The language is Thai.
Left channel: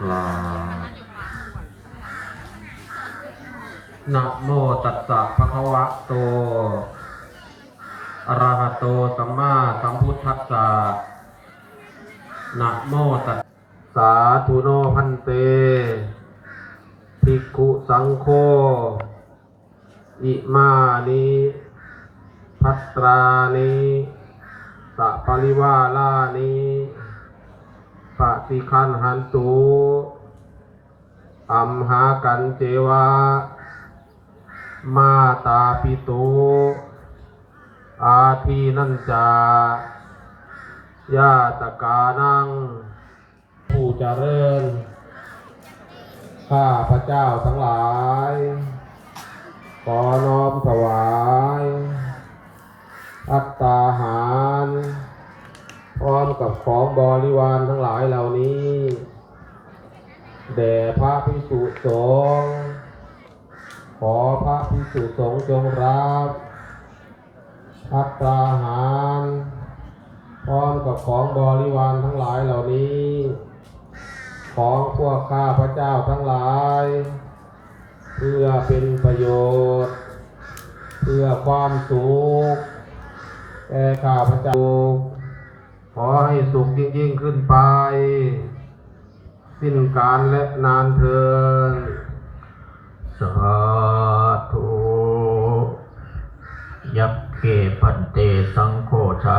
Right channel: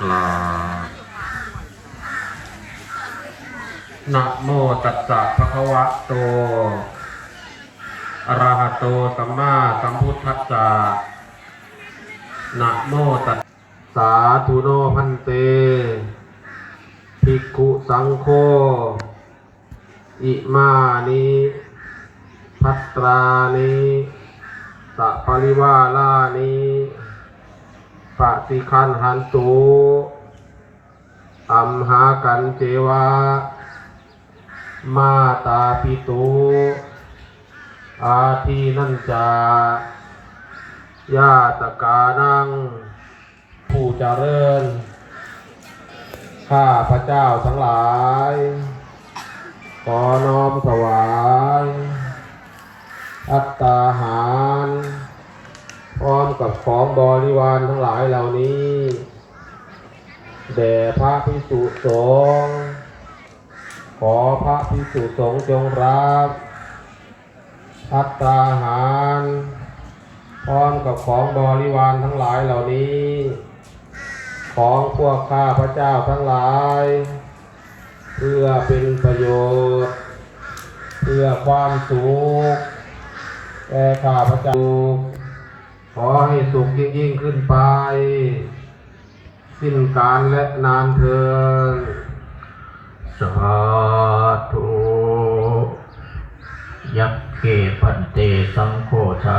กราบนะโมตัสสะภะคะวะโตอะระหะโตสัมมาสัมพุทธัสสะนะโมตัสสาธุโนพันเตภิกขุสังโฆอิมานิภัตตรานิสัพพะริวารานิปฏิคันหันตุอัมหากันเจวะมาตาปิตุอาทีนันจายาตกานังผู้เจริญข้าพระเจ้าทั้งหลายขอน้อมถวายภัตตาหารพร้อมกับของบริวารทั้งหลายเหล่านี้แด่พระภิกษุสงฆ์ขอพระภิกษุสงฆ์จงรับภัตตาหารพร้อมกับของบริวารทั้งหลายเหล่านี้ของพวกข้าพระเจ้าทั้งหลายเพื่อเป็นประโยชน์เพื่อความสุขแก่ข้าพระเจ้าขอให้สุขยิ่งขึ้นไปสิ้นกาลและนานเทอญสาธุยัคเขพันเตสังโฆทา